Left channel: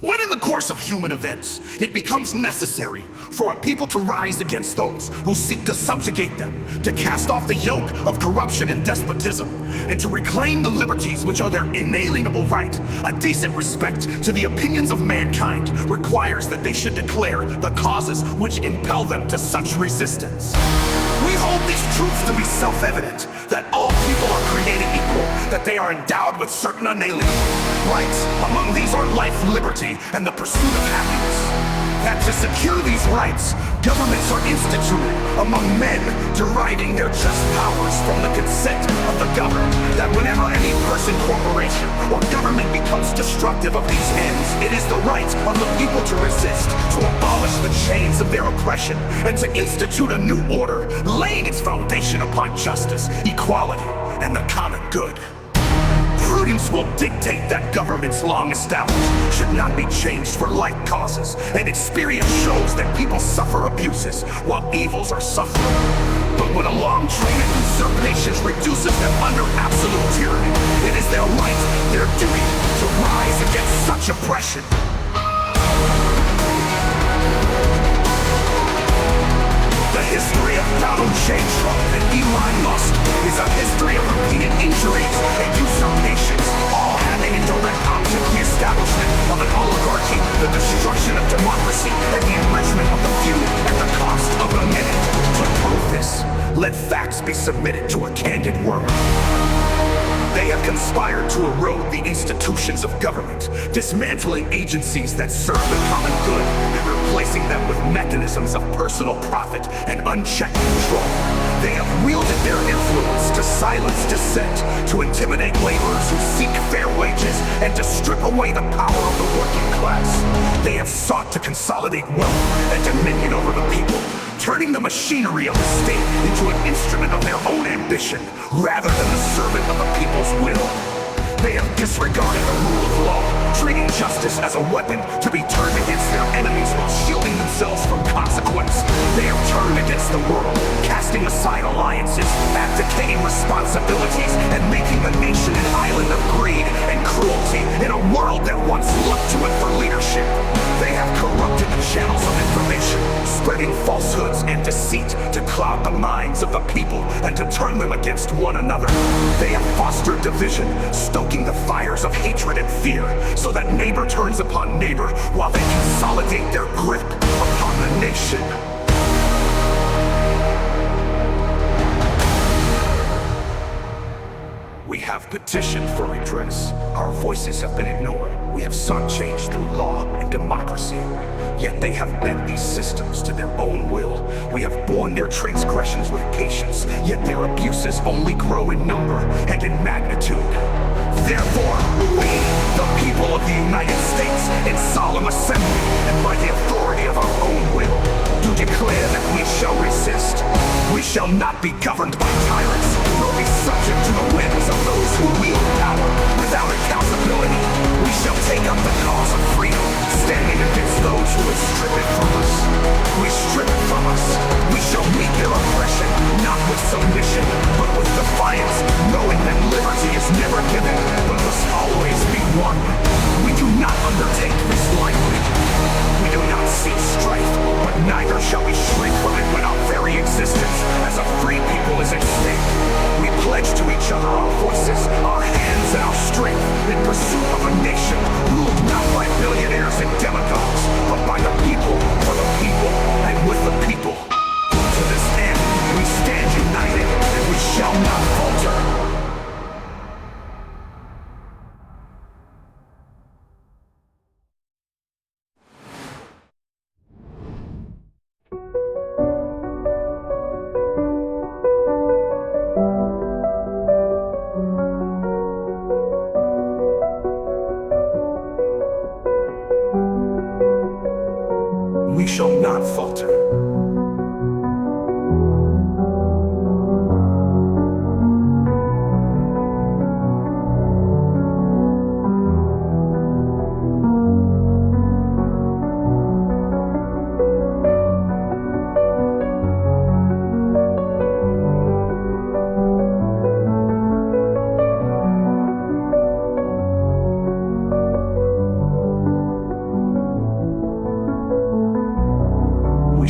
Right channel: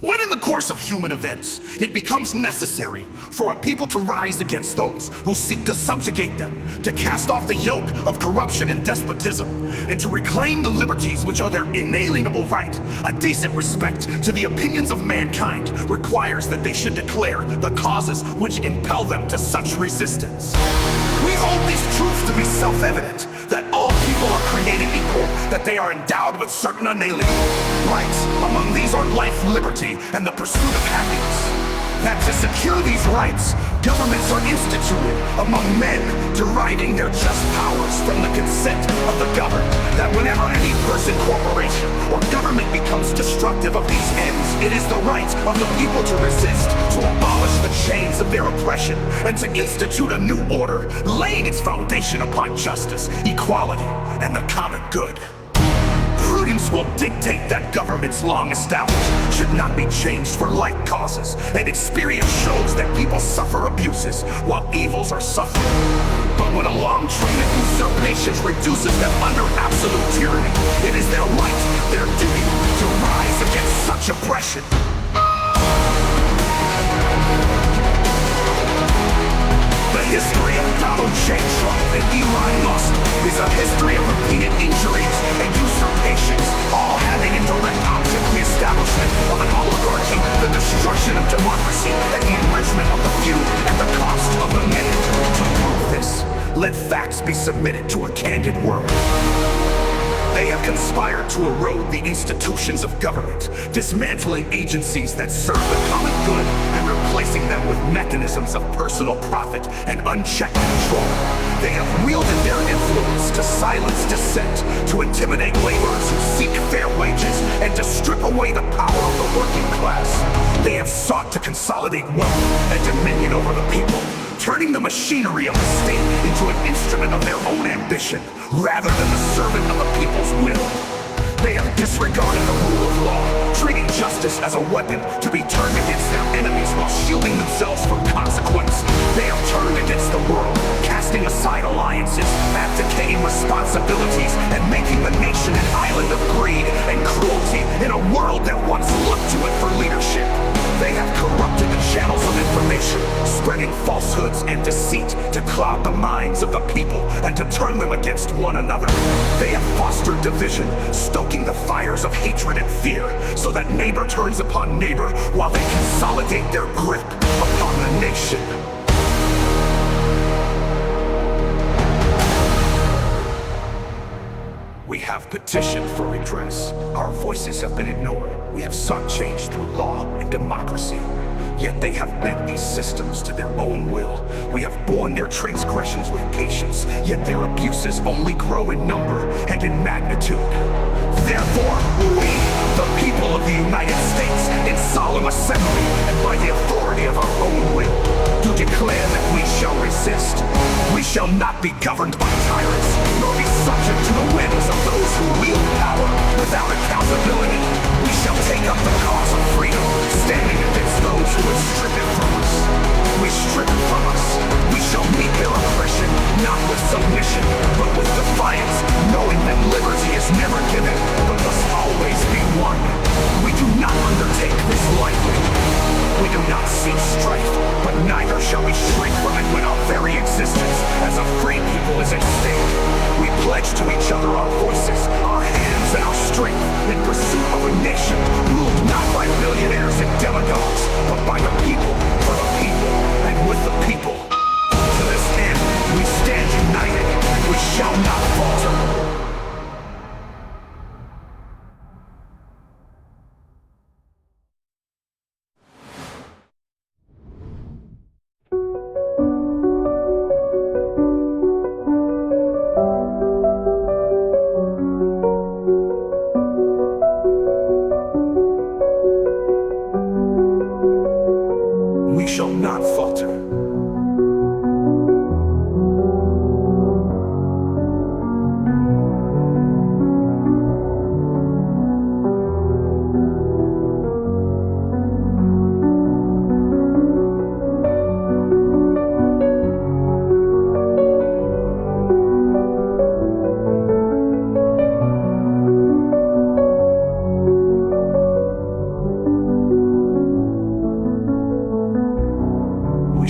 When in the course of human events, it becomes necessary for a people to rise against those who seek to subjugate them, to cast off the yoke of corruption and despotism, and to reclaim the liberties which are their inalienable right, a decent respect to the opinions of mankind requires that they should declare the causes which impel them to such resistance. We hold these truths to be self-evident, that all people are created equal, that they are endowed with certain unalienable rights. Among these are life, liberty, and the pursuit of happiness. That to secure these rights, governments are instituted among men, deriving their just powers from the consent of the governed. That whenever any person, corporation, or government becomes destructive of these ends, it is the right of the people to resist, to abolish the chains of their oppression, and to institute a new order, laying its foundation upon justice, equality, and the common good. Prudence will dictate that governments long established should not be changed for like causes, and experience shows that people suffer abuses while evils are suffered. But when a long train of usurpations reduces them under absolute tyranny, it is their right, their duty, to rise against such oppression. The history of Donald J. Trump and Elon Musk is a history of repeated injuries and usurpations, all having in direct object the establishment of an oligarchy, the destruction of democracy, and the enrichment of the few at the cost of the many. To prove this, let facts be submitted to a candid world. They have conspired to erode the institutions of government, dismantling agencies that serve the common good and replacing them with mechanisms of personal profit and unchecked control. They have wielded their influence to silence dissent, to intimidate laborers who seek fair wages, and to strip away the power of the working class. They have sought to consolidate wealth and dominion over the people, turning the machinery of the state into an instrument of their own ambition, rather than the servant of the people's will. They have disregarded the rule of law, treating justice as a weapon to be turned against their enemies while shielding themselves from consequence. They have turned against the world, casting aside alliances, abdicating responsibilities, and making the nation an island of greed and cruelty in a world that once looked to it for leadership. They have corrupted the channels of information, spreading falsehoods and deceit to cloud the minds of the people and to turn them against one another. They have fostered division, stoking the fires of hatred and fear, so that neighbor turns upon neighbor while they consolidate their grip upon the nation. We have petitioned for redress. Our voices have been ignored. We have sought change through law and democracy. Yet they have bent these systems to their own will. We have borne their transgressions with patience, yet their abuses only grow in number and in magnitude. Therefore, we, the people of the United States, in solemn assembly and by the authority of our own will, do declare that we shall resist. We shall not be governed by tyrants, nor be subject to the whims of those who wield power without accountability. We shall take up the cause of freedom, standing against those who would strip it from us. We strip it from us. We shall meet their oppression, not with submission, but with defiance, knowing that liberty is never given, but must always be won. We do not undertake this lightly. We do not seek strife, but neither shall we shrink from it when our very existence as a free people is at stake. We pledge to each other our voices, our hands, and our strength in pursuit of a nation ruled not by billionaires and demagogues, but by the people, for the people, and with the people. To this end, we stand united, and we shall not falter. We shall not falter.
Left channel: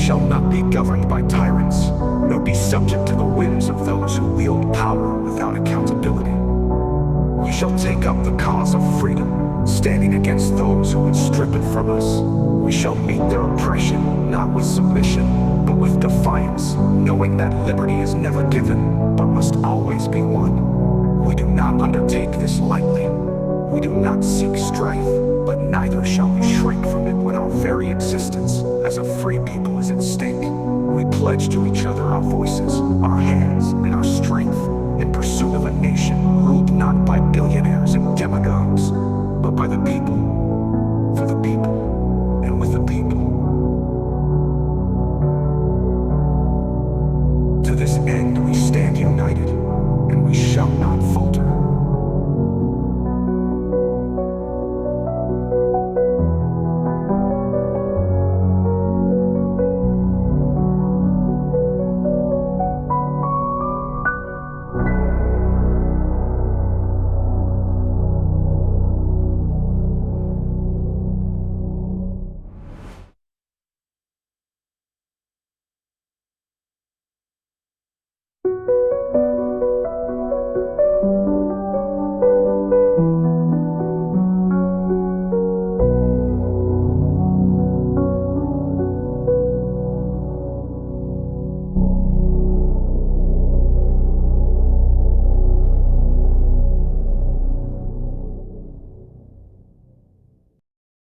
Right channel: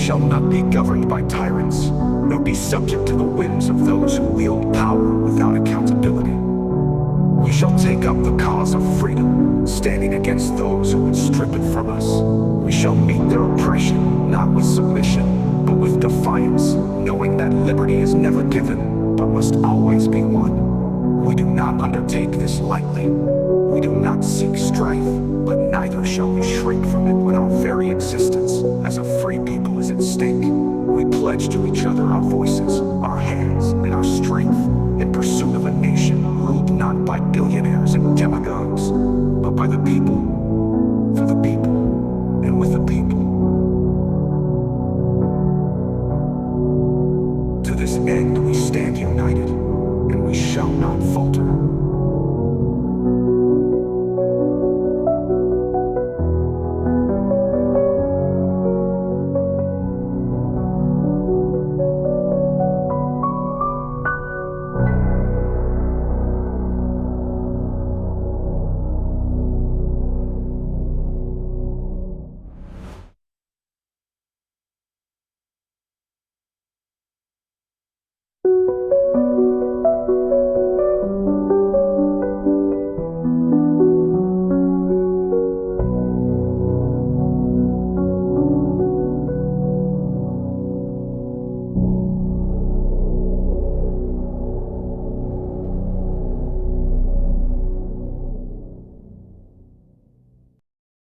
shall not be governed by tyrants, nor be subject to the whims of those who wield power without accountability. We shall take up the cause of freedom, standing against those who would strip it from us. We shall meet their oppression, not with submission, but with defiance, knowing that liberty is never given, but must always be won. We do not undertake this lightly. We do not seek strife, but neither shall we shrink from it when our very existence as a free people is at stake. We pledge to each other our voices, our hands, and our strength in pursuit of a nation ruled not by billionaires and demagogues, but by the people.